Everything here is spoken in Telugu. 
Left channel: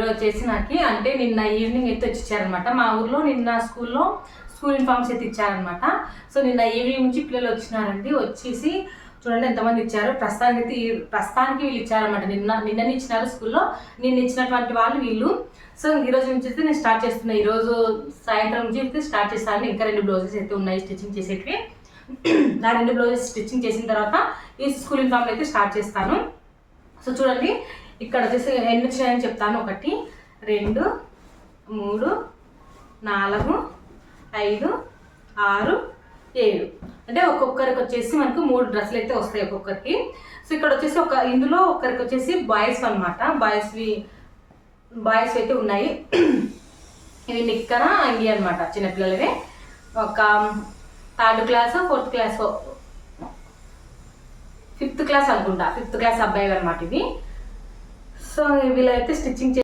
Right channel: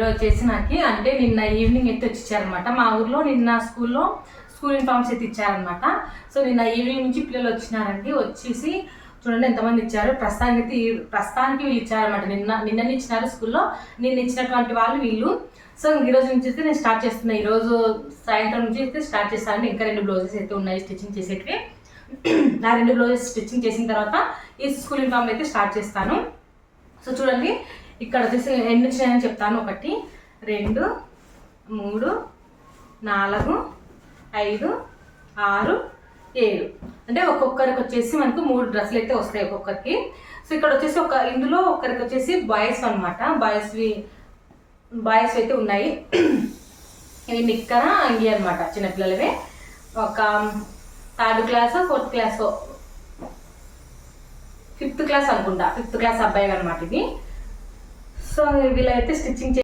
ఈరోజు వచ్చేసి నాకు అంటే నిన్న ఈవినింగ్ అయితే వచ్చి ఇచ్చారనమాట. మా ఊర్లో నిన్న స్కూల్ యూనిఫామ్స్ అయితే ఇచ్చారనమాట. సో నిన్న ఈవినింగ్ నుంచి పిల్లలు వచ్చినారండి. వచ్చేసి చూడండి ఎంతమంది ఇచ్చారు. ప్రస్తుతానికి వీళ్ళు ఇచ్చారనమాట. నిన్ననే ఇచ్చినారు స్కూల్లో. నిన్న ఇచ్చినటువంటి వాళ్ళు వీళ్ళు. సో ఈరోజు నుంచి అయితే నేను స్టార్ట్ చేస్తున్నా. ఈరోజు సాయంత్రం నుంచి అయితే స్టార్ట్ చేస్తాను. ఇంకా 2 బ్లౌజెస్ అయితే ఉన్నాయి స్టిచ్చింగ్ చేసేటివి. నా 2 బ్లౌజెస్ స్టిచ్చింగ్ చేసిన తర్వాత ఈ స్కూల్ యూనిఫామ్ అయితే స్టార్ట్ చేస్తాను. సో చూడండి ఇక్కడ వచ్చేసి ఎన్ని వచ్చాయని చెప్తాను. 1 2 3 4 5 6 7 అంటే ఒక్కొక్కరికి వచ్చేసి మనకు 3 డ్రెస్సులు అయితే వస్తాయి ఒక్కొక్కరికి. సో ఇక్కడ వచ్చేసి ఇందులో ఒకరికి వచ్చేసి బాయ్స్ అనమాట. బాయ్స్ అయితే ఉన్నాయి. ఇవి నిక్కర అంగి అనమాట, చిన్నపిల్లలవే. ఒక 3rd class 4th class 5th class అనుకుంటా, 5th క్లాస్ అబ్బాయి అనమాట ఇవి. సో వీళ్ళైతే స్టిచ్చింగ్